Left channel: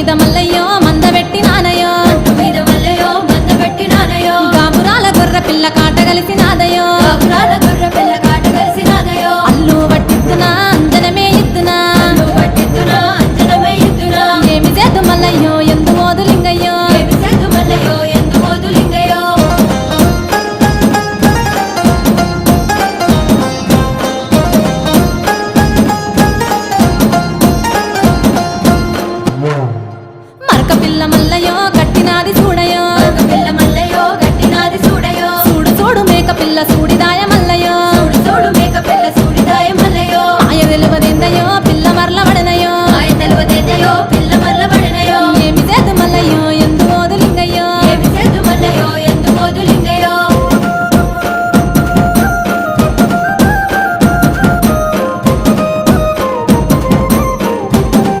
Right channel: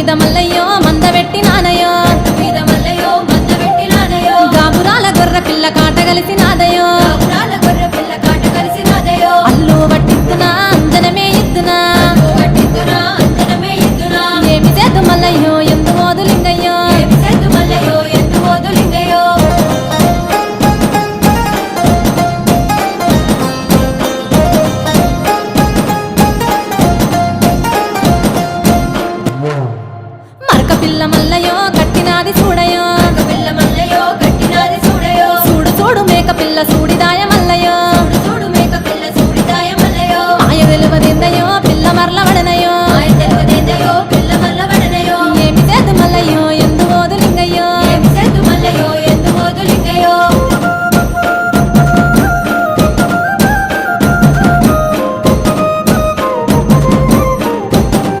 మీద మల్లయ్యో మందబెట్టి నానయో గాబురాల గొర్రె పిల్ల కాట కలిసి నాదయో అల్లు పట్టిద్దునా అంజనమే ఇద్దునా ఏమి చేద్దు మల్లయ్యో ఎందు ఓదులింగయ్యో మరక పిల్ల మల్లయ్యో కట్టినాది చూడయో చూడు చూడు మేక పిల్ల సూడిదాయ మల్లయ్యో మాయ వెలువదిందయో పిల్ల మరల వడనయో